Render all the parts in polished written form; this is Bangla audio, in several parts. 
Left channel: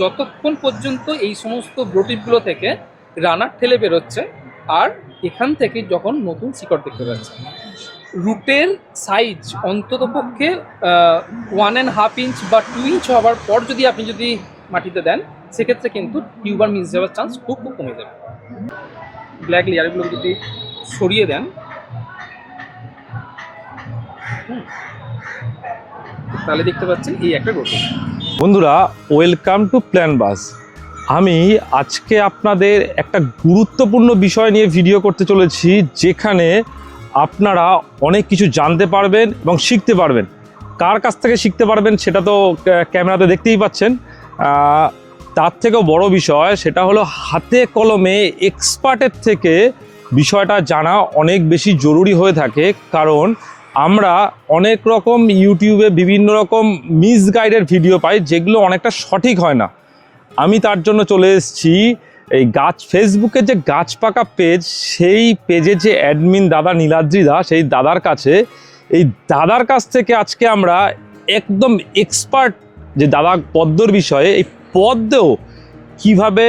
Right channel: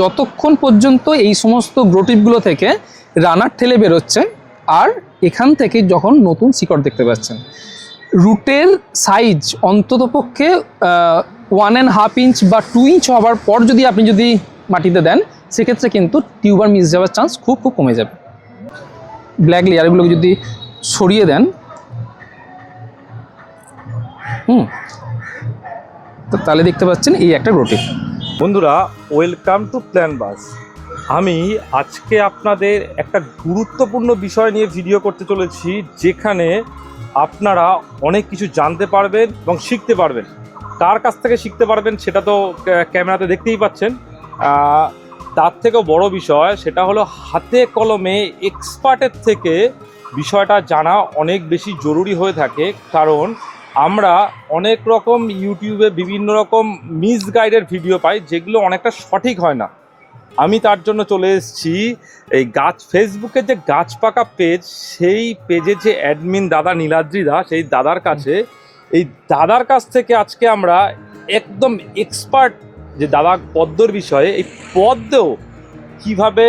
যতক্ষণ পর্যন্ত এই সমস্ত গ্রোটিপগুলো থেকে রানার ঠেলে বেরোচ্ছে আর এখান থেকে যখন নতুন শিকড় দেখতে পাচ্ছেন। রুটের সাইজ অন্ততপক্ষে 1.5 ইঞ্চ বা 2 ইঞ্চ হওয়ার পর আপনি যদি মাটিতে দেন, সেক্ষেত্রে কিন্তু টিউবার মিস যাওয়ার চান্স খুব কমে যাবে। ব্ল্যাক লেয়ারগুলোকে যদি সরিয়ে দেন, তো তাহলে দেখতে পাচ্ছেন এই একটা গ্রোটিপ। বন্ধুরা, ওয়েলকাম টু প্ল্যান বাস। আমি আজকে আপনাদের একটা গুরুত্বপূর্ণ বিষয় নিয়ে ভিডিও করতে চলেছি, যেখানে আপনারা অনেক কিছু জানতে পারবেন এবং শিখতে পারবেন। কার কাছ থেকে শিখতে পারবেন সেটা তো ক্যামেরাতে দেখতেই পাচ্ছেন। তার থেকেও বড় বিষয় সেটা হলো হাতে কলমে এক্সপার্টের থেকে বিষয়টা জানা অনেক বেশি জরুরি হয়ে থাকে। কারণ আমরা অনেক রকম ইউটিউবে বিভিন্ন রকম মিসগাইডের ভিডিও পাই, যেগুলো অনেকটা সঠিক হয় না। আমি তার জন্য চলে এসেছি এই ফেসবুকের যে গাছ পাকা পেজ, সেই পেজে যে অ্যাডমিন দাদা নীলাদ্রি দা, সেই দাদার কাছে। এই দাদার কাছ থেকে আজকে আমরা একদম এক্সপার্ট যে দাদা পদ্মর বিষয়ে, এই পদ্মেও কীভাবে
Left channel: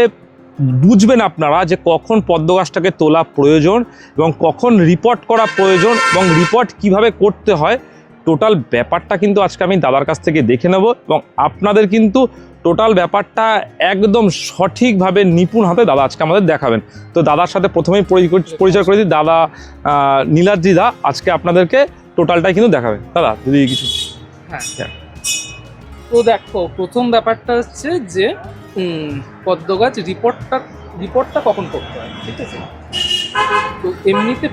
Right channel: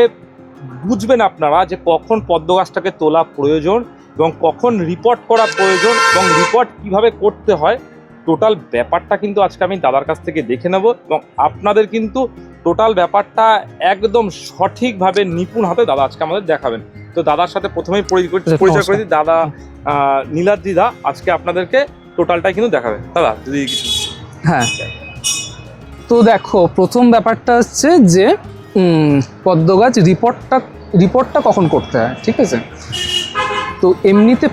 বুঝবেন আপনারা যে কখন পদ্ম গাছটাকে তোলা প্রয়োজন এবং কখন রিপোর্ট করা প্রয়োজন এবং রিপোর্ট কিভাবে করতে হয়, টোটাল ব্যাপারটা কিন্তু আজকে আমি দাদার কাছ থেকে দেখে নেব এবং আপনাদের কিন্তু টোটাল ব্যাপারটা একদম সঠিকভাবে নিপুণ হাতে দাদা আজকে আমাদের দেখাবেন। তো দাদার সাথে প্রথমেই পরিচয় করে দিই। দাদা নীলাদ্রি দা আজকে আপনাদেরকে টোটালটাই কিন্তু দেখাবেন। দাদা যদি কিছু। হ্যাঁ, তো দেখো, প্রথম ব্যাপারটা হচ্ছে যে পদ্ম গাছ রিপোর্টটা কখন করতে হয়, ঠিক আছে? তো এমনিতে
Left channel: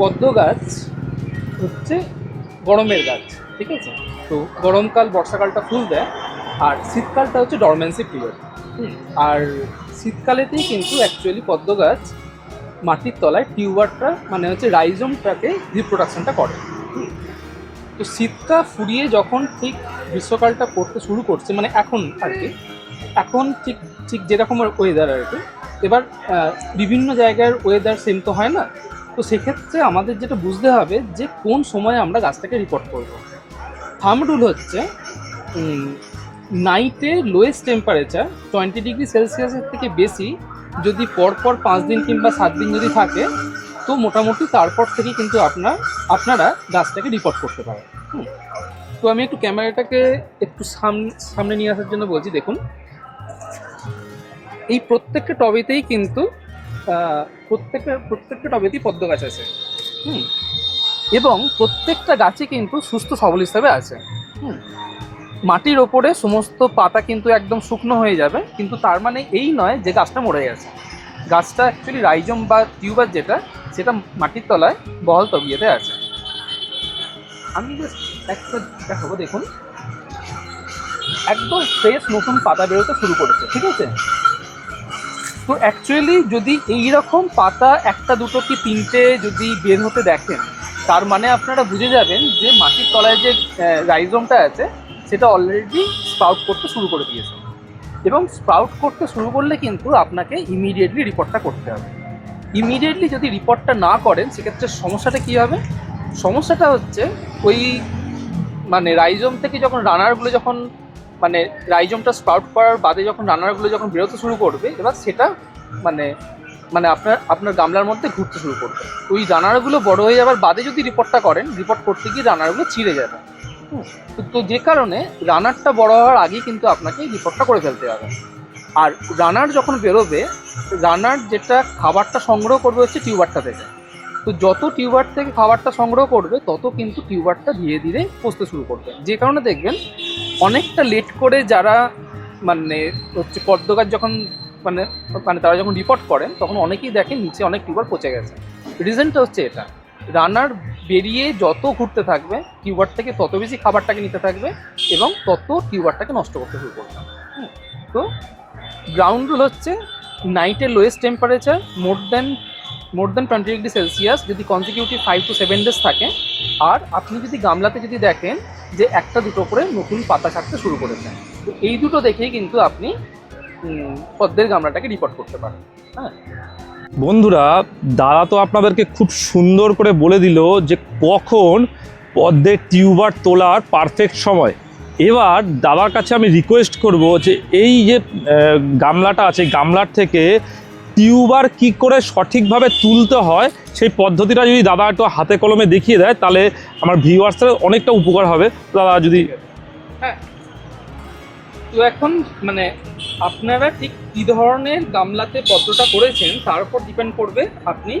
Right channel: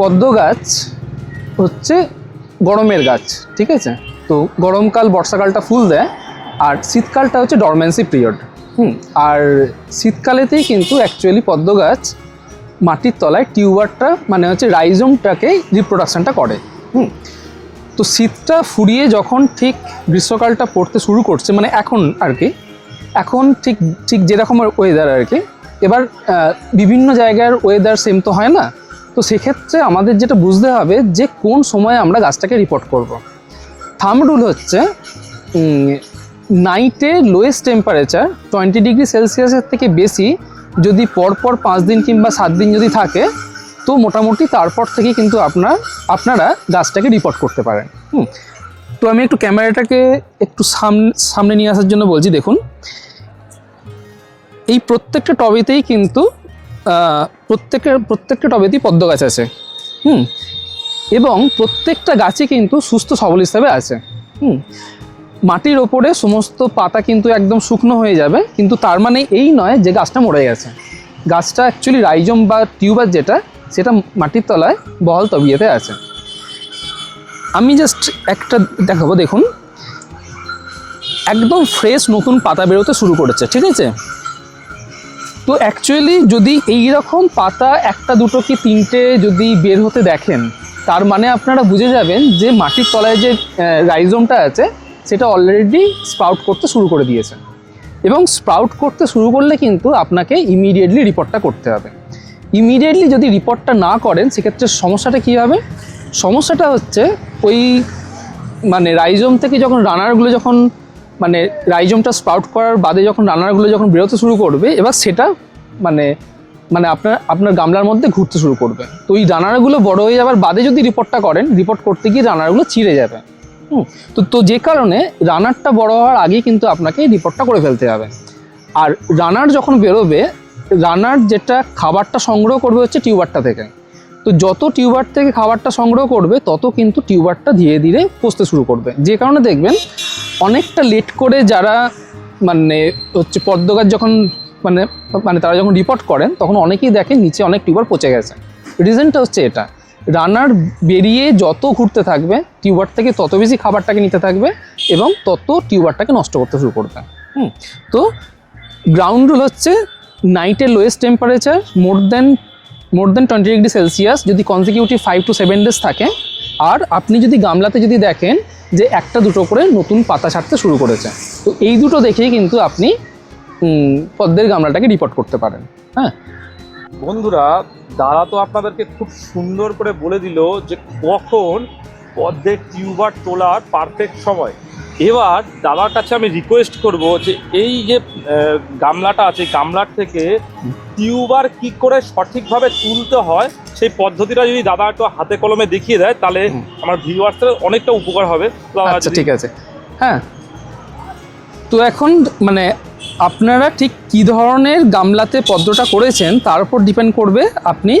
পদ্ম গাছ হচ্ছে গরমের গাছ, ঠিক আছে? তো গরমকাল বর্ষাকালটা ফুল দেয় আর শীতকালটা হচ্ছে ডরমেন্সি পিরিয়ড। আর শীতকালেতেই কিন্তু অ্যাকচুয়ালি পদ্ম গাছ মাটির তলায় টিউবারটা মানে হচ্ছে রাইজোমটাকে রিপ্রোডাকশানটা করে। তো শীতটা ফুরিয়ে যখন ঠিক গ্রীষ্মকালটা পড়তে শুরু করছে, মানে এখন আর কি, এখন ঠিক যেরকম ওয়েদার আর কি। এবার বিভিন্ন জায়গার ওয়েদার সেম তো হয় না, তো সেক্ষেত্রে আমাদের যেটা বুঝতে হবে যে কোন সময়ে আমরা গাছটাকে রিপোর্ট করব। থাম্ব রুল হচ্ছে নাইটে লোয়েস্ট টেম্পারেচার 20 ডিগ্রি সেলসিয়াসের থেকে বেশি যদি পরপর 5 দিন কিংবা 7 দিন যদি থাকে, তো মোটামুটি তারপর থেকে কিন্তু আপনারা গাছটাকে রিপোর্ট করতে পারেন। তো আমি একটু ক্যামেরাটাকে একটু সামনে নিয়ে আসার জন্য বলছি। দেখুন, এই প্রত্যেকটা টবেতেই কিন্তু প্রত্যেকটা টবেতেই পদ্ম গাছ আছে। এবং প্রত্যেকটা গাছে কিন্তু সুস্থ সবল হিসাবে আছে। মাটির ওপরে সমস্ত পাতা কিন্তু একদম শুকনো হয়ে যাবে, কিন্তু তার মানে এই নয় যে গাছটা মরে গেছে। গাছটা অ্যাকচুয়ালি রাইজোম বা টিউবার যেটা, সেটা মাটির তলায় বহাল তবিয়েতে আছে। আমি জাস্ট একটা দেখাবো। দেখুন, একদম ফ্রেশ নতুন পাতা বেরোতে শুরু করেছে, ঠিক আছে? তো অ্যাকচুয়ালি যদি এইরকম পাতা একটা দুটো কি তিনটে যদি বের হতে দেখেন, তার মানে আপনারা বুঝে যাবেন যে মাটির তলায় যে রাইজোমটা আছে সেটা অলরেডি স্প্রাউট করতে শুরু করে দিয়েছে। এবং স্প্রাউট করতে শুরু করলে কিন্তু আপনাকে ইমিডিয়েটলি রিপোর্টটা করতে হবে। ইমিডিয়েটলি যদি রিপোর্টটা না করেন, সেক্ষেত্রে সমস্যাটা কী হবে? সমস্যাটা হচ্ছে ওই মানে রাইজোম থেকে যখন রানারগুলো মানে রাইজোমটা স্প্রাউট করার বাদে যখন রানারগুলো যখন বেরোতে শুরু করবে, এবার সেটা মানে আপনার গামলার মধ্যে ঘুরতে শুরু করবে। তো ওই রানারগুলো বড় হয়ে যাওয়ার বাদে যদি রিপোর্টটা করেন, রিপোর্ট করতে গিয়ে রানারগুলো ছিঁড়ে যাবে। তো যে কারণে রানারটা বড় হওয়ার আগেই কিন্তু আপনাকে রিপোর্টটা করে ফেলতে হবে। আর রানার যখন বেরোবে, রানার যেটা খাবারটা সংগ্রহ করবে হচ্ছে টিউবারটা থেকে। তো যত টিউবার থেকে খাবারটা সংগ্রহ করবে, তত কিন্তু টিউবারটা ধীরে ধীরে পচতে শুরু করবে। যে কারণে দেখবেন অনেকটা লেট করে যারা মানে হচ্ছে পদ্ম গাছ যখন মানে তারা যখন রিপোর্ট করেন, তখন অনেকেই দেখেন নিচে অনেক টিউবার পচে গেছে। রিজনটা হচ্ছে এটা, রানার বেরিয়ে যত ঘুরতে থাকবে, টিউবার থেকে তত বেশি খাবারটাকে নিতে থাকবে এবং তত টিউবারটাকে নষ্ট করতে শুরু করবে। তো গ্রাউন্ড রুল হচ্ছে নাইটের লোয়েস্ট টেম্পারেচার মোর দেন 20 ডিগ্রি সেলসিয়াস যদি কনজিকিউটিভ 5 to 7 ডেজ থাকে, আর আপনি যদি গামলাতে যদি দেখেন যে একটা দুটো করে নতুন পাতা ছাড়তে শুরু করেছে, তো এই দুটো দেখেই কিন্তু আপনি পদ্মের গামলাটাকে রিপোর্ট করতে পারেন। হ্যাঁ বন্ধুরা, দাদা তো আপনাদেরকে খুব সুন্দর করে বলে দিল যে কখন পদ্মের টিউবার তোলার পারফেক্ট সময়। এবার দাদার কাছে আমি রিকোয়েস্ট করব যে এই যে গামলাটা আছে, গামলার থেকে টিউবার কি করে সঠিকভাবে তুলতে হয় সেই পদ্ধতিটা যদি দাদা একটু হাতে কলমে দেখিয়ে দেয় তাহলে আমার ভিউয়ার্সের অনেকটা উপকার হবে। আচ্ছা, ঠিক আছে। হ্যাঁ, তো এখন মানে আপনারা ঠিক কী ধরনের গামলাতে পদ্মটা করেছেন তার উপর ডিপেন্ড করবে আপনি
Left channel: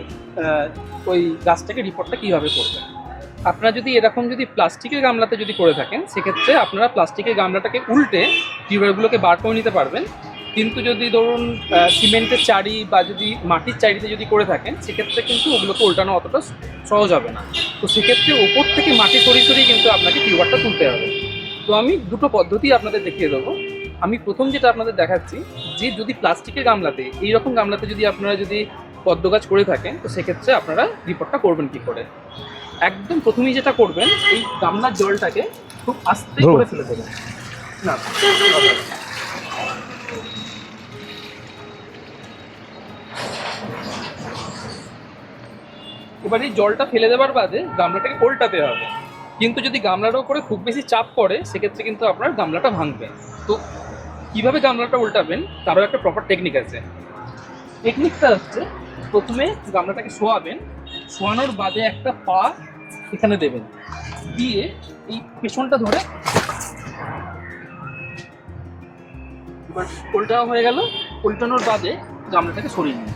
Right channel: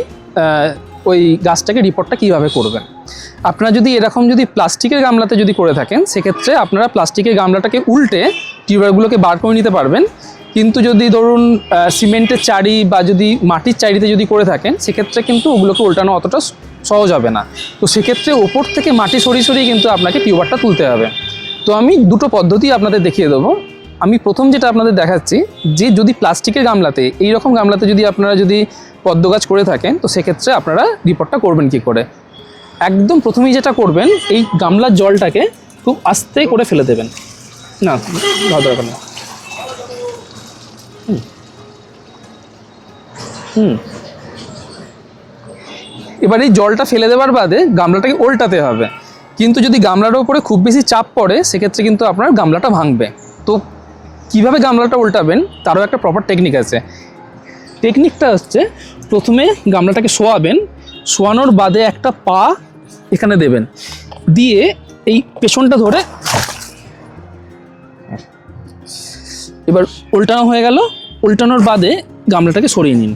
ওই গাছটাকে রিপোর্টটা কীভাবে করবেন। আপনারা যদি এরকম যদি প্লাস্টিকের গামলাতে যদি করে থাকেন সেক্ষেত্রে আপনারা প্লাস্টিকের গামলাটাকে উল্টে টিউবারগুলোকে বার করে নিতে পারবেন। কিন্তু যদি ধরুন সিমেন্টের চারি বা যদি মাটির চারিতে যদি করে থাকেন সেক্ষেত্রে কিন্তু ওগুলোকে উল্টানো অতটা সহজ হবে না। তো সেক্ষেত্রে ওপর থেকে মাটি সরিয়ে সরিয়ে কিন্তু আপনাকে টিউবারটা তুলতে হবে। তো আমি দুটো পদ্ধতি আপনাদের দেখিয়ে দেবো। আমি প্রথম যেটা আপনাদের দেখাচ্ছি যে যদি প্লাস্টিকের গামলাতে এইরকম গামলাতে যদি আপনারা যদি পদ্ম গাছ করে থাকেন তো সেক্ষেত্রে আপনারা রিপোর্টটা করবেন কি করে। একদম প্রথমেই যেটা করবেন এই গামলার জলটাকে খুব আস্তে করে ফেলে দেবেন। না দরকার নেই। এবার এই জলটা ফেলে দেওয়ার বাদে গামলাটাকে উল্টাতে হবে। কিন্তু যদি গামলাটার উপরে খুব বেশি চাপ পড়ে সেক্ষেত্রে কিন্তু আপনার গামলাটা ভাঙবে। তো কিভাবে গামলাটা উল্টাবেন তারও একটা প্রপার টেকনিক আছে। টেকনিকটা হচ্ছে প্রথমে গামলাটাকে শোয়াবেন, শোয়ানোর বাদে একটা পা এখানে দেবেন, দিয়ে এই পেছনটা ধরে এবার উল্টানো হয়ে গেল। উল্টানোর বাদে গামলাটাকে সরিয়ে নিন।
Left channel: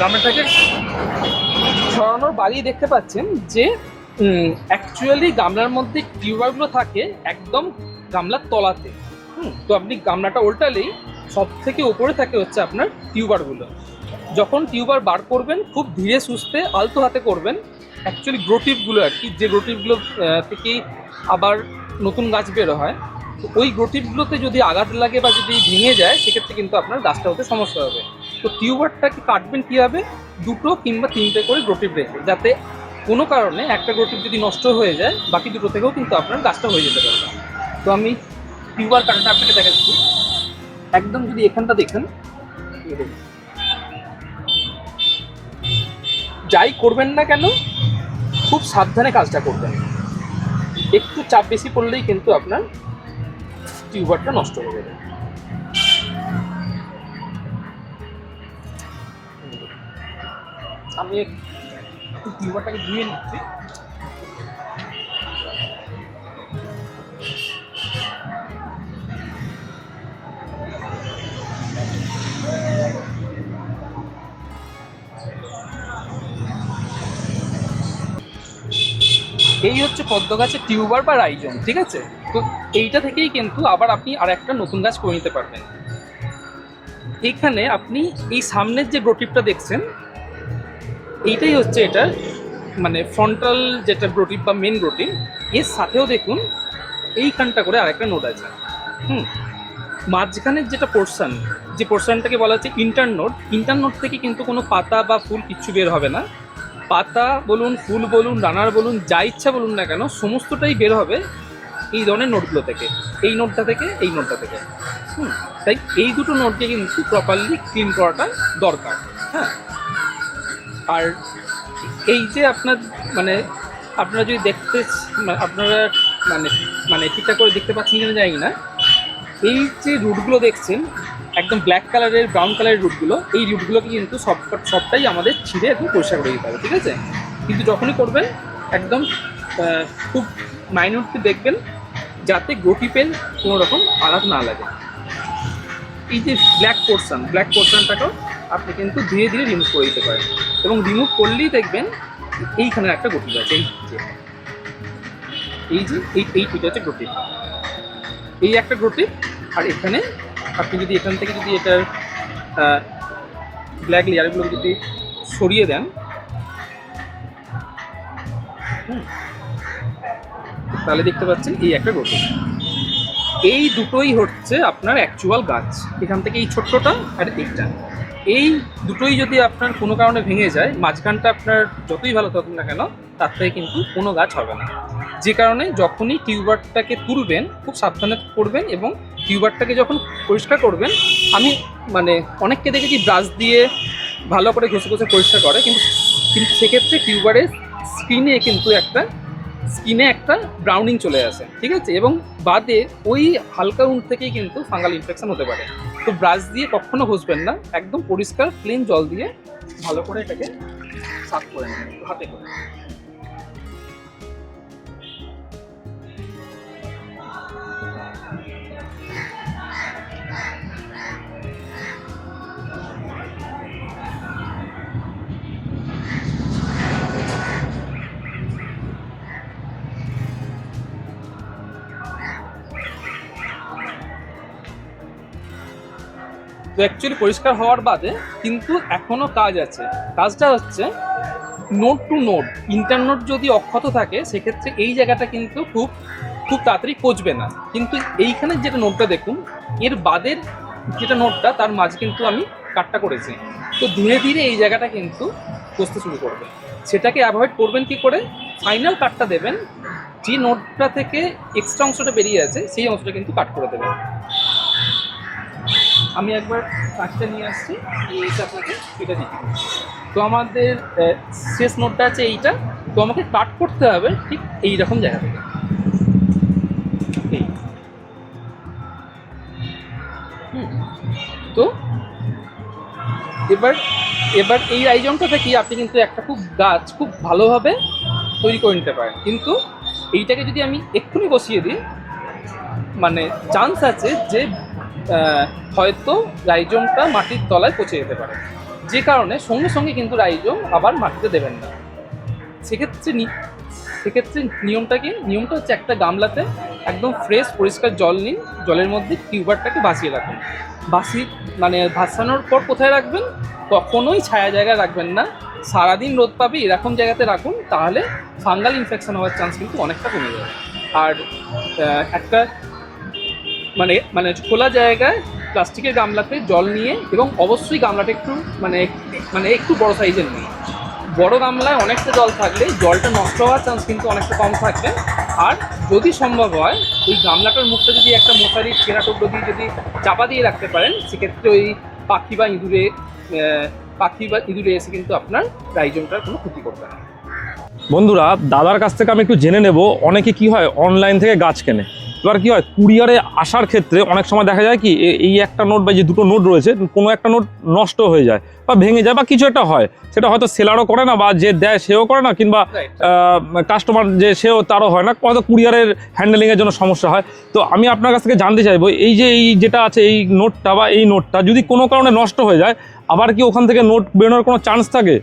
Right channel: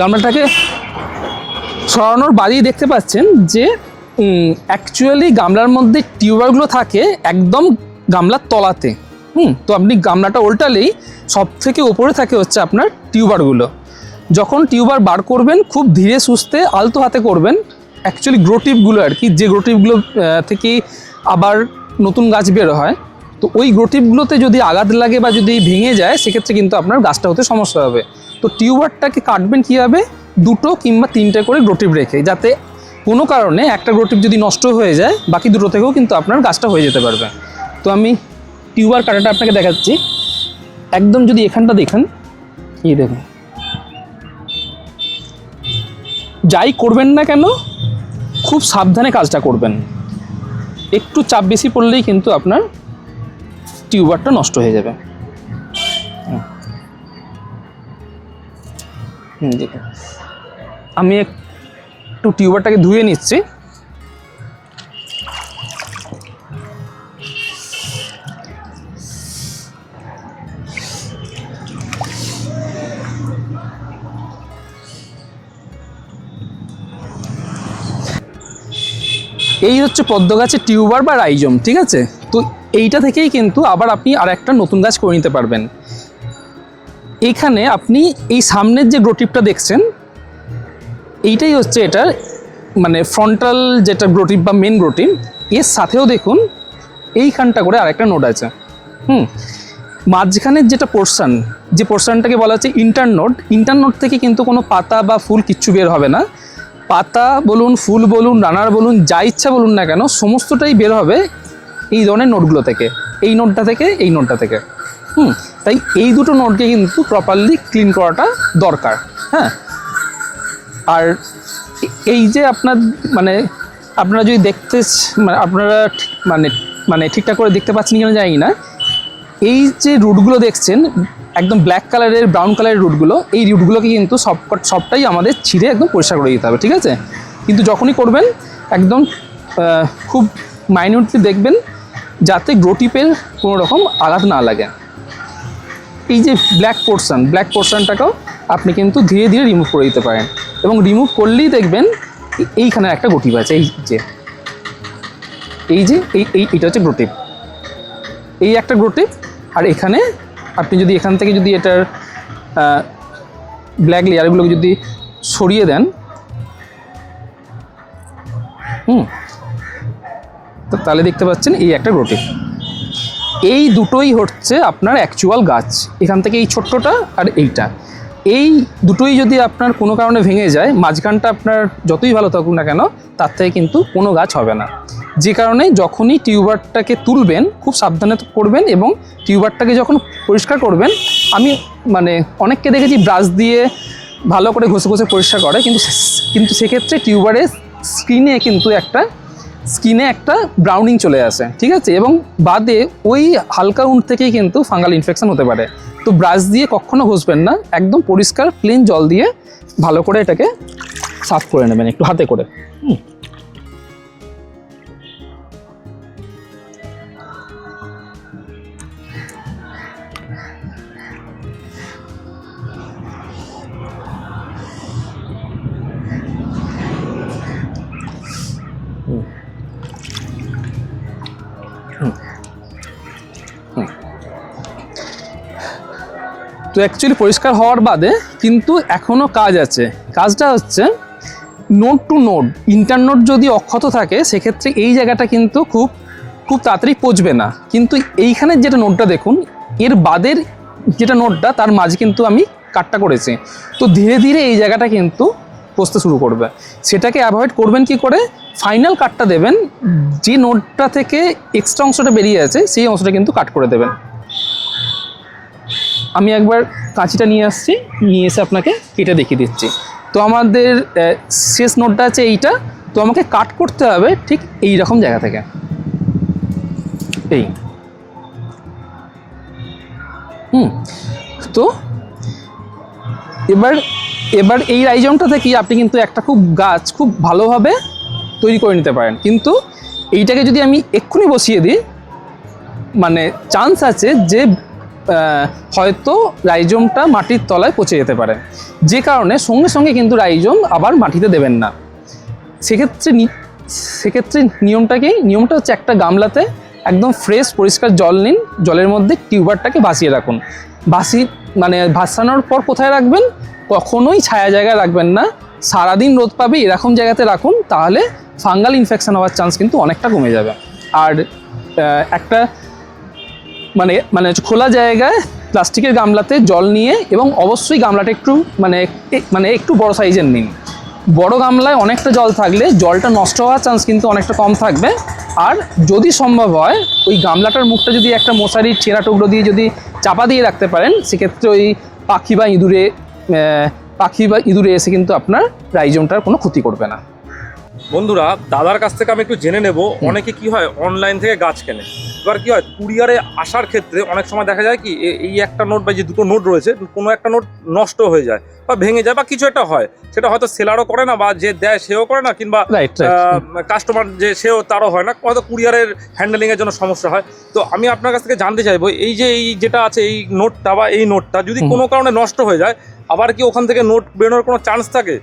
গামলাটাকে সরানোর বাদেই দেখতে পাচ্ছেন যে অ্যাকচুয়ালি গামলার মধ্যে টিউবারগুলো থাকে একদম গামলার তলাতে। তো আপনি গামলাটা উল্টালেই সব থেকে ওপরে থাকে হচ্ছে আপনার টিউবারগুলো। যখন টিউবার বার করবেন খুব ধীরে সুস্থে আলতো হাতে করবেন। অ্যাকচুয়ালি গ্রোটিপগুলো আর কি, যে গ্রোটিপগুলো থেকে আবার নতুন গাছ বের হয়, তো ওই গ্রোটিপগুলোতে যদি আঘাত লাগে বা যদি ভেঙে যায় সেক্ষেত্রে কিন্তু আপনার গাছটা হতে সমস্যা হবে। তো টিউবারটাকে কাটবেন কীভাবে, দুটো কিংবা তিনটে করে গ্রোটিপ রেখে, যাতে কোনো কারণে একটা গ্রোটিপ যদি নষ্ট হয়ে যায় বাকি দুটো থেকেও কিন্তু আপনার গাছটা হয়ে যেতে পারবে। তো আমি টিউবার কাটাটা আপনাকে দেখাচ্ছি। একদম যদি এখানটা দেখেন, এই দেখুন, যাই করবেন না কেন খুব সাবধানে কাজটা করবেন। একটু চাপ বেশি পড়লেই কিন্তু আপনার টিউবারটা নষ্ট হয়ে যাবে। দেখুন, আমি একটু টিউবারটাকে ধুয়ে নিচ্ছি। এই হচ্ছে পদ্ম গাছের টিউবার বা রাইজম, ঠিক আছে। তো এইটা থেকেই কিন্তু আবার আপনি আর একটা নতুন গাছ করে নিতে পারবেন। এইখানে আপনি এই সামনের যে গ্রোটিপটা দেখছেন এইটাই হচ্ছে এটার মানে ফ্রন্টাল যেটা গ্রোটিপ বা মেন গ্রোটিপ। এর সাথেও দেখুন এইখানটা করে আরেকটা নোড আছে। মাঝখানের যেটা পোর্শন, যে পোর্শনটাকে বলা হচ্ছে ইন্টারনোড, ইন্টারনোড থেকে কিন্তু কোনো পাতা বা ফুল কিচ্ছু বের হবে না। পাতা বলুন, ফুল বলুন, ডানার বলুন, যা ইচ্ছা বলুন না কেন সমস্তটাই বের হবে এই ধরনের নোটগুলো থেকে, এই নোটটা থেকে, এই নোটটা থেকে। তাই এই দুটো নোটকে কিন্তু প্রপারলি ক্লিন করাটা দরকার। হ্যাঁ, আর এই যে আপনার মানে আপনারা যদি দেখতে আপনারা মানে ঠিকঠাক করে দেখতে পাচ্ছেন কিনা জানি না, এই যে রুটগুলো দেখছেন একদম ব্ল্যাক কালারের, ব্রাউন কালারের রুটগুলো, এই রুটগুলোকে কিন্তু সবটাই আমাদের ছিঁড়ে একদম পরিষ্কার করে দিতে হবে, ঠিক আছে। কিন্তু যখনই করবেন একদম খুব মাইনিউটলি দেখবেন যাতে গ্রোটিপের কোনো রকম আঘাত না লাগে। এই যে ব্ল্যাক পোর্শনটাকেও আপনি কিন্তু ধীরে ধীরে রিমুভ করে দিতে পারেন, এবং রিমুভ করলেই দেখবেন এইখানে একটা গ্রোটিপ আছে। এইটা হচ্ছে গ্রোটিপ, এই একটা গ্রোটিপ। আর এখানে আপনি যদি এখান থেকে যদি এটার ব্ল্যাক লেয়ারগুলোকে যদি সরিয়ে দেন, তো তাহলে দেখতে পাচ্ছেন এই একটা গ্রোটিপ। এই দুটোই হচ্ছে আপনার অ্যাকচুয়াল গাছ। এখান থেকে এই ছোট্টটা আর এইটা, এই দুটোই যদি আপনার কোনো কারণে ভেঙে যায়, মাঝখানটা আপনার যতই ভালো থাকুক না কেন তার থেকে কিন্তু কোনো গাছ হবে না। যে কারণে যখনই টিউবারটাকে তুলবেন খুব সাবধানে করবেন, এবং টিউবারটাকে যখন পরিষ্কার করবেন, আমি মানে অনেককে দেখেছি ব্রাশ দিয়ে ভালো করে ঘষে ঘষে পরিষ্কার করে, কিন্তু কিন্তু সেক্ষেত্রে টিউবারের স্কিনে একটা ব্রাউনিং চলে আসে, ঠিক আছে, এবং বাদে ওই হালকা উন্ড থেকেই কিন্তু ফাঙ্গাল ইনফেকশন হতে পারে। তো ব্রাশ দিয়ে কখনো ঘষবেন না, একদম পরিষ্কার প্লেন জল দিয়ে ভালো করে এটাকে সাফ করে নেবেন একটু হাতে করে। তো অ্যাকচুয়ালি পরিষ্কার হওয়ার বাদে কিন্তু এখনও কাজ আছে। কাজটা হচ্ছে নোড টু নোড, ইন্টারনোড যদি অক্ষত থাকে সেক্ষেত্রে এই জায়গাটা কিন্তু খুব তাড়াতাড়ি পচবে না। কিন্তু এইখানের যেটা নোডটা দেখুন, এর বাদের যেটা নোডটা তার মাঝে কিন্তু আমি কাটটা করেছি, তো ধীরে ধীরে এই জায়গাটা কিন্তু পচতে শুরু করবে। সেটাকে অ্যাভয়েড করবেন কি করে? ফাইনাল কাটটা দেবেন, যে নোডটা থেকে এক্সট্রা অংশটা বেরিয়ে আছে সেই অংশটা কিন্তু কাট করে দেবেন। আমি একবার কাঁচিটা নিয়ে আসছি, নিয়ে এসে আপনাকে কেটে দেখিয়ে দিচ্ছি। তো আমাদের শেষ নোটটা আছে এইটা, তো আমাকে কাট করতে হবে ঠিক এই রকম জায়গা থেকে, এই তো এবার এই রাইজমটা থেকে আপনি কিন্তু একটা গাছ খুব ভালোভাবে তৈরি করে নিতে পারেন। কিন্তু এইটাকে যদি আমি এক্ষুনি বসিয়ে দিই, মানে চান্স আছে যে হয়তো রাইজমটা মাটির তলায় পচে যেতে পারে, যে কারণে সঙ্গে সঙ্গে কিন্তু রাইজম আবার মাটিতে দেবেন না। সেক্ষেত্রে নিয়মটা হচ্ছে একটা গামলাতে একদম ফ্রেশ পরিষ্কার জল নিন, জলের মধ্যে টিউবারটাকে ভাসিয়ে রাখুন। ভাসানোর পর কোথায় রাখবেন? কখনোই ছায়া জায়গায় রাখবেন না, সারাদিন রোদ পাবে এরকম জায়গাতে রাখুন, তাহলে ফাঙ্গাল ইনফেকশন হওয়ার চান্স কিন্তু অনেকটা কমে যাবে। আর একটা খোলা জায়গায় প্লাস্টিকের গামলাতে জল নিয়ে, এবং অবশ্যই গামলাটা একটু বড় সাইজের নিন। বড় গামলায় অনেকটা জল থাকলে জলটা নষ্ট হওয়ার চান্স কিন্তু অনেকটা কম থাকবে। আর যদি সম্ভব হয় ওই গামলাটার মুখটা যদি একটা মশারির ছেঁড়া টুকরো দিয়ে যদি চাপা দিয়ে রাখতে পারেন, সেক্ষেত্রে ওই পাখি বা ইঁদুরে এসে কিন্তু আপনার রাইজমটার কোনো ক্ষতি করবে না। বন্ধুরা, দাদার কাছ থেকে আমি একটু জেনে নেব, অনেকে কি হয় অনলাইন থেকে গাছ কেনে, এবার কি হয় কুরিয়ারে আসার ক্ষেত্রে অনেক সময় দেখা যায় কি এই একটা নোট বা যে দুটো নোট রয়েছে কোনো একটা নোট নষ্ট হয়ে যায় বা ভেঙে যায় বা কিছু একটা হয়, সেটা হয়তো সেলারও করে না বা যে দেয় সেও করে না, কিংবা কাস্টমার যে সেও তারও হয় না, হয়তো কুরিয়ারের হ্যান্ডেলিংয়ের জন্য সমস্যা হয়। তো আমি আপনার কাছ থেকে জানতে চাইবো, এই যে এই যেটা আছে এই নোটটা বা এই নোটটা যদি কোনো কারণে নষ্ট হয়ে যায়, আবার কি ওখান থেকে নোট বেরোনোর কোনো চান্স থাকে?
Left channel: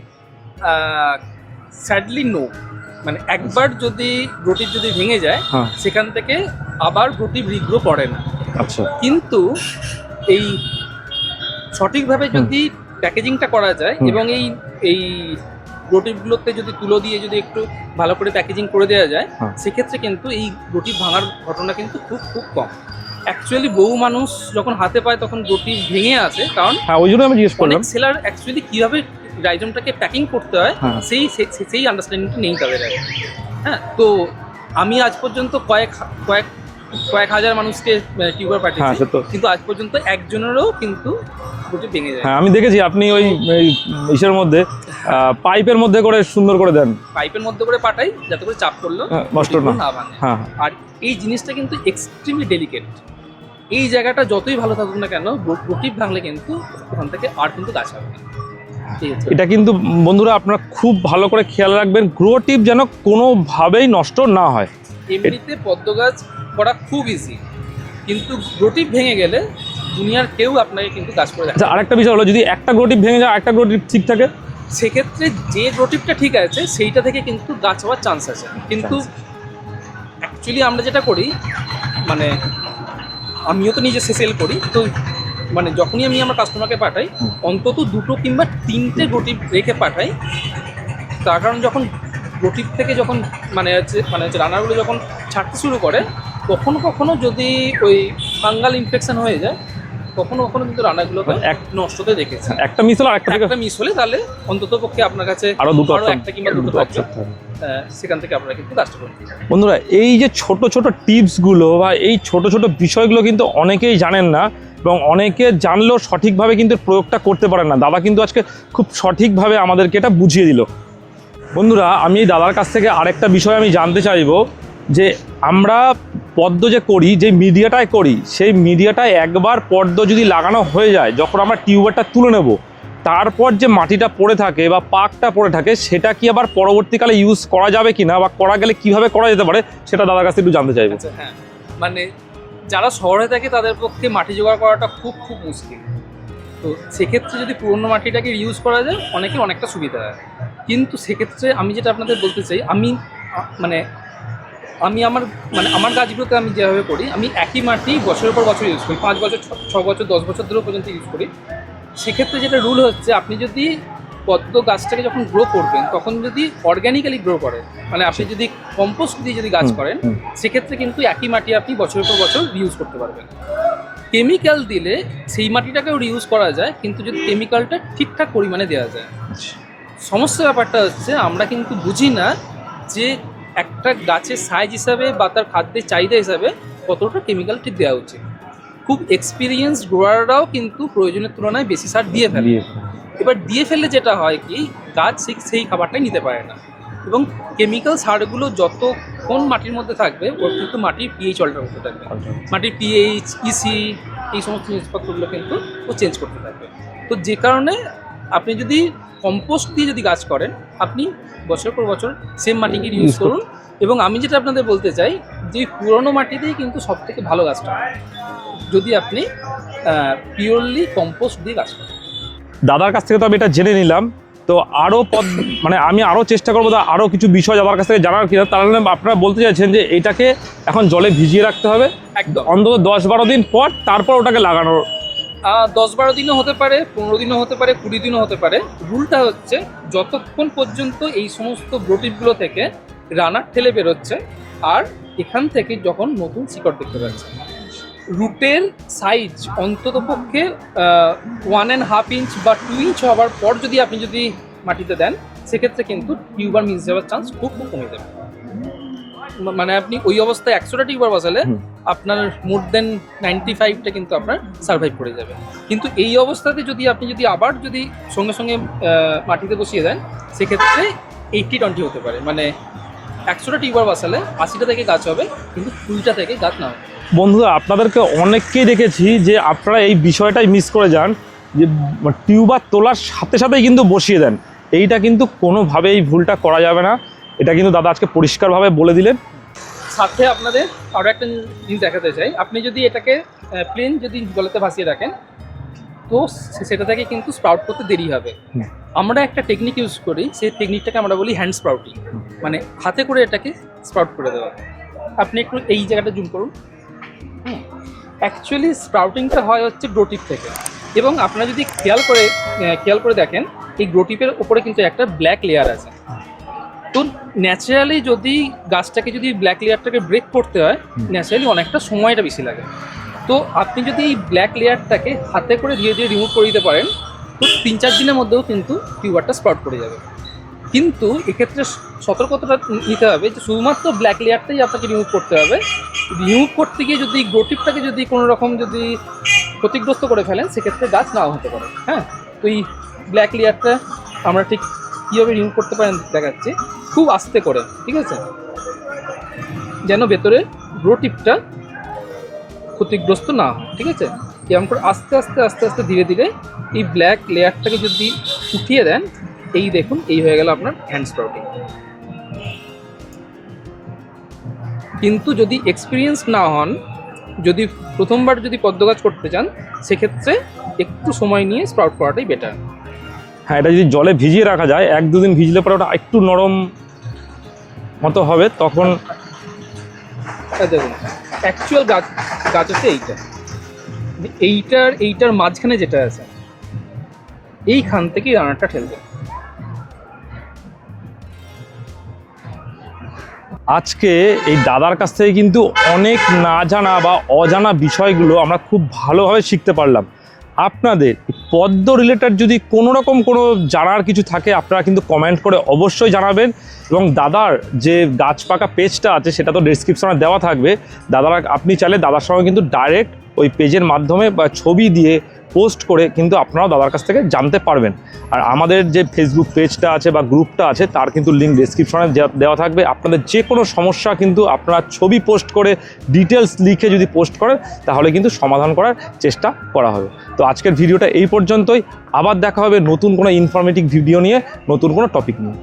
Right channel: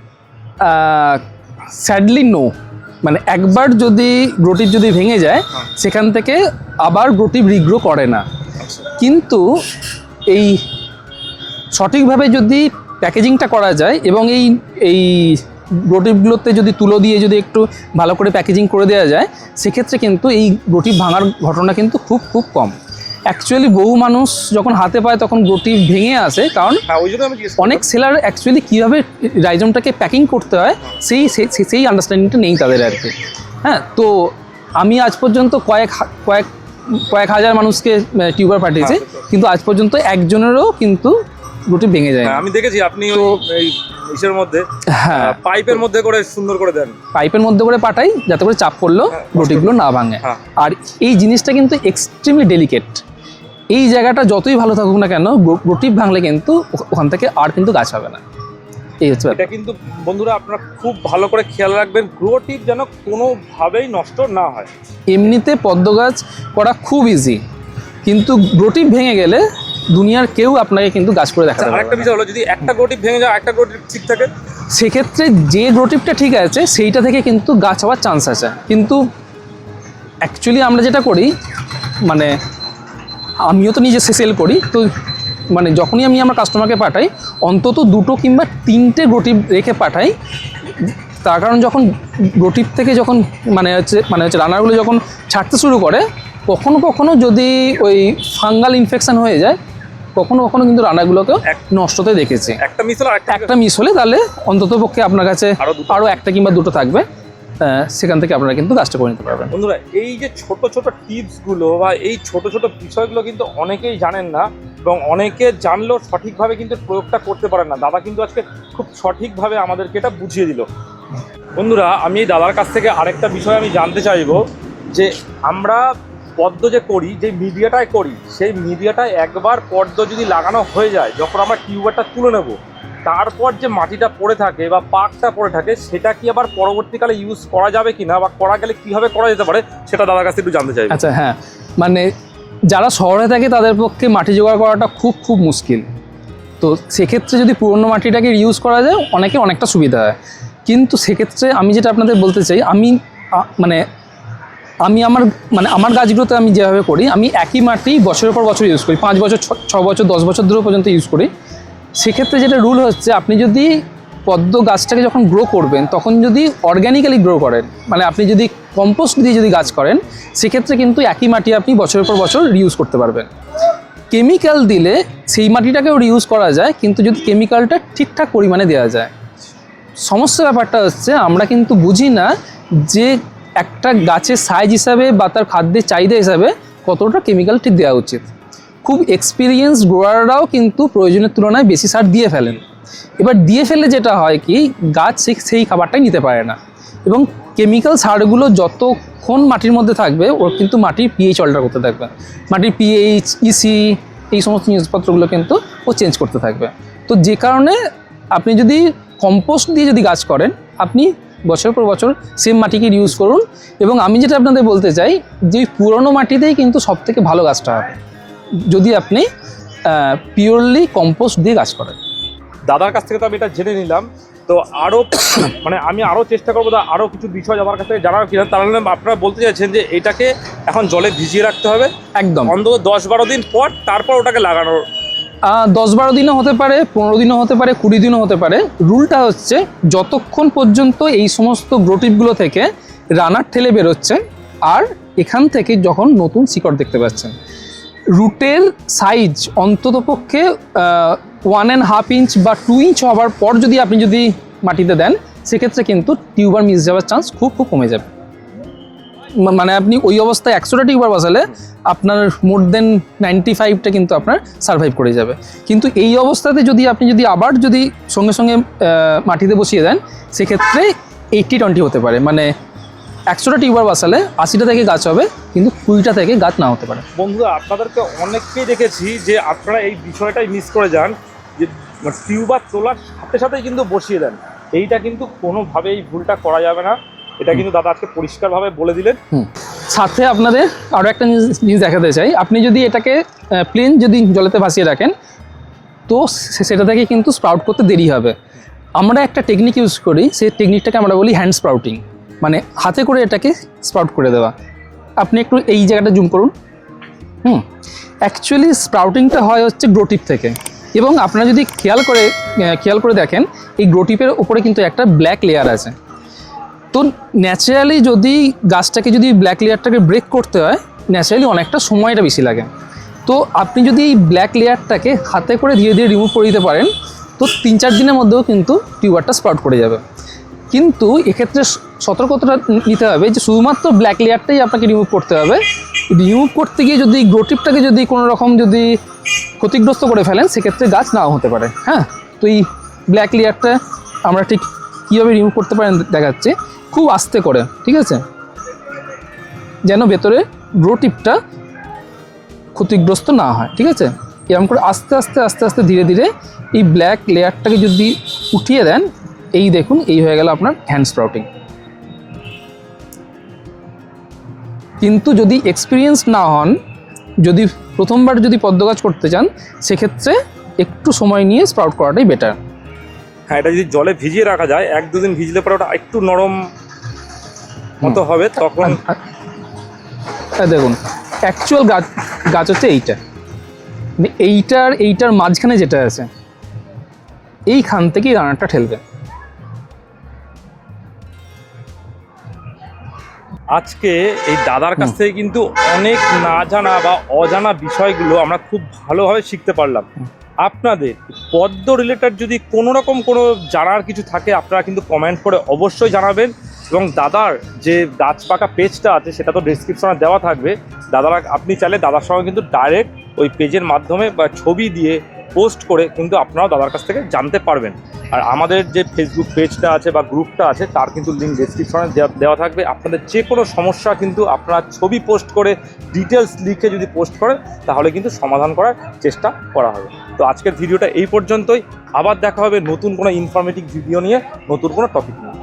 স্যাডলি নো, একবার যদি গ্রোটিভ যদি ভেঙে যায় সেখান থেকে আবার গ্রোটিভ রিগ্রো করে না। আচ্ছা, কিন্তু এই সঠিকভাবে যদি প্যাকেজিংটা করা যায় এবং এই গ্রোটিভগুলোতে যদি তুলো দিয়ে যদি একটু ভালো করে প্যাকেজিং করে দেওয়া যায়, সেক্ষেত্রে কিন্তু এই গ্রোটিভ ভাঙার ঘটনা কিন্তু খুব কম। অ্যাকচুয়ালি বহু মানুষ যখন হাতে পায় তখন গ্রোটিভ ভেঙে আসে, কারণ অনেক সেলার অ্যাকচুয়ালি কীভাবে রাইজমটাকে প্যাকিং করতে হয় সেই আন্ডারস্ট্যান্ডিংটা নেই তাদের আর কি। হ্যাঁ, তো আমি আজ পর্যন্ত কয়েক হাজার মানুষকে টিউবার পাঠিয়েছি, কিন্তু আজ পর্যন্ত একজনেরও কিন্তু গ্রোটিভ ভেঙে যায়। আমি দেখেছি আপনি ওই ইসের মধ্যে পাইপের মধ্যে করে সুন্দর করে দেন, পাইপের মধ্যে করে পাঠাই যাতে করে চাপ পড়লেও গ্রোটিভগুলো না ভাঙে। আর এই জিনিসটা কিন্তু এক্সট্রিমলি ডেলিকেট। এই জায়গাটা যতই ভালো থাকুক না কেন, গ্রোটিভ ভাঙলে কিন্তু ওখান থেকে আর কিন্তু গাছ হবে না। এটা কিন্তু বন্ধুরা আপনারা খুব ভালো করে খেয়াল রাখবেন, গ্রোটিভ যেন কোনোভাবেই নষ্ট না হয়। এমনিতে পদ্ম গাছ করা খুব ইজি, কিন্তু গ্রোটিভ ভেঙে গেলে দুনিয়ার কেউ আপনাকে কিন্তু গাছ করে দেখাবে। আরেকটা বিষয় হলো, যদি একটা গ্রোটিভ ভেঙে যায় একটা গ্রোটিভ ঠিক থাকে, সেক্ষেত্রে যে গ্রোটিভটা ঠিক আছে সেইটা থেকে কিন্তু গাছ হওয়ার চান্স আছে। কিন্তু অ্যাকচুয়ালি আমরা যেটা করি, আমিও তো নিজে সেল করি, তো যখনই আমি আমার কাস্টমারকে পাঠাই অন্তত 2 কিংবা 3টে গ্রোটিভ রেখে পাঠাই। তার কারণ যখন গ্রোটিভ থেকে যখন রানারগুলো যখন ছাড়তে শুরু করে, কখনো যদি ওই ফাঙ্গাল ইনফেকশন হয়ে যায়, কখনো কিন্তু রানাগুলোকে নষ্ট হতে দেখেছি। একটা মিস হলে তাহলে অন্তত পক্ষে আপনার কাছে আরও একটা কিংবা 2টো থাকবে, সেখান থেকে আপনারা কিন্তু গাছটা করে নিতে পারবেন। বন্ধুরা, এই যে ছোট ছোট টিপসগুলো বা এই ছোট ছোট বিষয়গুলো কিন্তু অনেকেই জানেন না, এবং অনেকে জানলেও সঠিকভাবে কিন্তু প্রয়োগটা করতে পারেন না। দাদা কিন্তু আজকে খুব সঠিকভাবে আমাদেরকে এটা বুঝিয়ে দিল। বন্ধুরা, আমি দাদার কাছ থেকে আরেকটা বিষয় আমি জানতে চাইবো যে আমরা পদ্ম যে করি, যে মিডিয়াটায় করি, সেই মিডিয়াটায় একবার পদ্ম যদি লাগানো হয়ে যায়, যখন আমরা টিউবারটা তুলে নেব, তারপর যে মাটিটা পড়ে থাকে বা পাকটা পড়ে থাকে, সেটা কি আবার পরবর্তীকালে ইউজ করা যাবে কিনা বা করা গেলে কিভাবে করা যেতে পারে, সেটা দাদার কাছে একটু জানতে চাইবো। আচ্ছা, হ্যাঁ, মানে যারা শহরে থাকে তাদের পক্ষে মাটি জোগাড় করাটা খুব খুব মুশকিল। তো সেক্ষেত্রে যদি পুরনো মাটিটাকে ইউজ করা যায় অনেকটা সুবিধা হয়। কিন্তু সেক্ষেত্রে আমি যেটা আপনাদের বলতে চাই, আমি আমার গাছগুলোতে আমি যেভাবে করি, আমি একই মাটি বছরের পর বছর ইউজ করি, 5 বছর 6 বছর 10 বছর ধরে পর্যন্ত ইউজ করি। সেক্ষেত্রে যেটা রুল হচ্ছে, আপনি যদি পদ্ম গাছটাকে যখন গ্রো করবেন তখন যদি অর্গ্যানিক্যালি গ্রো করেন, মানে আপনি যদি কম্পোস্ট দিয়ে যদি গাছ করেন, সেক্ষেত্রে কিন্তু একই মাটি আপনি বছরের পর বছর রিউজ করতে পারবেন। কেমিক্যাল দিলে সেই মাটিটাকেও রিউজ করা যায়, কিন্তু যদি কেমিক্যালটা ঠিকঠাক পরিমাণে দেওয়া যায়। সমস্যা ব্যাপারটা হচ্ছে, আমরা কিন্তু বুঝি না যে একটা গাছের সাইজ হিসাবে বা তার খাদ্যের চাহিদা হিসাবে কতটা কেমিক্যাল ঠিক দেওয়া উচিত। খুব এক্সপিরিয়েন্স গ্রোয়াররাও কিন্তু প্রয়োজনের তুলনায় বেশি সার দিয়ে ফেলে। এবার দিয়ে ফেললে যেটা হয় কি, গাছ সেই খাবারটাই নিতে পারে না, এবং কেমিক্যাল সারগুলো যতক্ষণ মাটির মধ্যে থাকবে, ওর কিন্তু মাটির পিএইচ অল্টার করতে থাকবে। মাটির পিএইচ, ইসি, এই সমস্ত জিনিসপত্রগুলো কিন্তু ও চেঞ্জ করতে থাকবে। তো যে কারণে আপনি যদি কম্পোস্ট দিয়ে যদি গাছ করেন, আপনি বছর পর বছর সেম মাটিকে ইউজ করুন। এবং আমি যেটা আপনাদের বলতে চাই, যে পুরনো মাটিতেই কিন্তু সবথেকে ভালো গাছটা হয় যদি আপনি পিওরলি কম্পোস্ট দিয়ে গাছ করেন। দাদার কাছ থেকে তো আমি এটা জেনে নিলাম, তো আরও মানে আমি আরও চেষ্টা করবো আরও কিছু বিষয় দাদার কাছ থেকে জানার। কিনা তার মানে আপনারা বলতে চাইছেন যে এটাকে এখন জলে ভিজিয়ে রাখতে হবে একদম, অন্তত 10-12 দিন পর, তারপর ওটাকে লাগানোর 10-12 দিনও হতে পারে, 15 দিনও হতে পারে, 20 দিনও হতে পারে। রুলটা হচ্ছে, যতক্ষণ পর্যন্ত এই সমস্ত গ্রোটিপগুলো থেকে রানার ঠেলে বেরোচ্ছে আর এখান থেকে যখন নতুন শিকড় দেখতে পাচ্ছেন, রুটের সাইজ অন্ততপক্ষে 1.5 ইঞ্চ বা 2 ইঞ্চ হওয়ার পর যদি আপনি মাটিতে দেন, সেক্ষেত্রে কিন্তু টিউবার মিস যাওয়ার চান্স খুব কমে যাবে। মানে আপনি ওই অবস্থায় 100টা টিউবার বসালে আপনার মোর দেন 95টা কিন্তু আপনার সার্ভাইভ করে যাবে। কিন্তু এই অবস্থাতে আপনি আবার সঙ্গে সঙ্গে মাটিতে বসিয়ে দেন, সেক্ষেত্রে 80-20 হতে পারে। মানে 100টা টিউবার বসালে 80টা থেকে গাছ হবে, কিন্তু 20টা থেকে গাছ না হতে পারে। বন্ধুরা, আপনাদেরকে অনেককেই দেখেছি যে আপনারা এই বিষয়টাই মিস করে যান, যে টিউবার তোলার সাথে সাথেই কিন্তু বসিয়ে দেন। এইটা কিন্তু কোনোভাবেই এই ভুলটা করা যাবে না, এটা কিন্তু দাদা আজকে পরিষ্কারভাবে বলে দিলেন। সাথে আপনাদের আরও একটা জিনিস দেখাতে চাই, আপনি যদি এটাকে প্লেন জলেতে ভাসিয়ে রাখেন, তো সেটা থেকে কিন্তু স্প্রাউট করতে দেরি হবে। আমরা একটা টেকনিক ইউজ করি, সেই টেকনিকটাকে আমরা বলি হ্যান্ড স্প্রাউটিং, মানে হাতে করে এটাকে স্প্রাউট করে দেওয়া। আপনি একটু এই জায়গাটা জুম করুন। অ্যাকচুয়ালি স্প্রাউটিংটা হয় হচ্ছে গ্রোটিপ থেকে, এবং আপনারা যদি খেয়াল করে দেখেন, এই গ্রোটিপের উপরে কিন্তু একটা ব্ল্যাক লেয়ার আছে। তো ন্যাচারালি যদি গাছটাকে ব্ল্যাক লেয়ারটাকে ব্রেক করতে হয়, ন্যাচারালি অনেকটা সময়টা বেশি লাগে। তো আপনি যদি এই ব্ল্যাক লেয়ারটাকে হাতে করে ধীরে ধীরে রিমুভ করে দিতে পারেন, তো 3-4 দিনের মধ্যেও কিন্তু টিউবারটা স্প্রাউট করে যাবে। কিন্তু এক্ষেত্রে সতর্কতাটা নিতে হবে যে শুধুমাত্র ব্ল্যাক লেয়ারটাই আপনাকে রিমুভ করতে হবে। রিমুভ করতে গিয়ে যদি গ্রোটিপটাকে কোনো রকম ক্ষতিগ্রস্ত করে ফেলেন, সেক্ষেত্রে গাছ নাও হতে পারে। হ্যাঁ, তো এই ব্ল্যাক লেয়ারটা আমরা ঠিক কীভাবে রিমুভ করতে পারেন দেখাচ্ছি। খুব আস্তে করে, ঠিক আছে, যেন ভেতরে গ্রোটিপটা ক্ষতিগ্রস্ত না হয়। ঠিক আছে, এরকম করে আস্তে আস্তে আস্তে আস্তে ধীরে ধীরে এই ব্ল্যাক লেয়ারটাকে উঠিয়ে দেন, এই দেখুন, এই হয়ে গেল আপনার হ্যান্ড স্প্রাউটিং। কিন্তু যদি এক্সপিরিয়েন্স না হন, প্রথমবার পদ্ম গাছ করতে চান, সেক্ষেত্রে একটু সময় নিয়ে স্প্রাউট করাটাই বেটার। হ্যাঁ, এটা যদি জলে ভিজিয়ে রাখা যায়, 1-2 দিন ভিজলে পরে ওটা একটু নরম মতো হবে, তখন দেখুন অ্যাকচুয়াল গাছ হচ্ছে এইটার মাঝখানে যেটা আছে, এইখান থেকেই রানারটা ঠেলবে। আজকে এই দাদার কাছ থেকে কিন্তু অনেক না জানা বা অজানা বিষয়গুলো আমরা খুব ভালোভাবে শিখতে পারলাম। আপনাদের পদ্ম রিলেটেড যদি কোনো রকম কোনো জানার কিছু থাকে, আপনারা কিন্তু কমেন্ট করে অবশ্যই জানাবেন। এবং দাদার যে গাছ পাকা পেজটা আছে, সেটা তো ডেসক্রিপশনে দেওয়া থাকবে। আপনি চাইলে দাদার সঙ্গে কিন্তু ডাইরেক্ট ওই পেজের মাধ্যমে বা ছবি দিয়ে পোস্ট করে কিন্তু আপনারা দাদার কাছ থেকে জানতে পারবেন। আর আমাদের যে ফেসবুক পেজটা আছে বা গ্রুপটা আছে তার কিন্তু লিঙ্ক ডিসক্রিপশনে দেওয়া থাকবে। আপনাদের যে কোনো সমস্যা কিন্তু আপনারা ছবি পোস্ট করে ডিটেলস লিখে যদি পোস্ট করেন তাহলে কিন্তু সমাধান করার চেষ্টা করা হবে। তো আজকের ভিডিওটা এই পর্যন্তই, আবার দেখা হবে নতুন কোনো ইনফরমেটিভ ভিডিও নিয়ে, নতুন কোনো টপিক নিয়ে।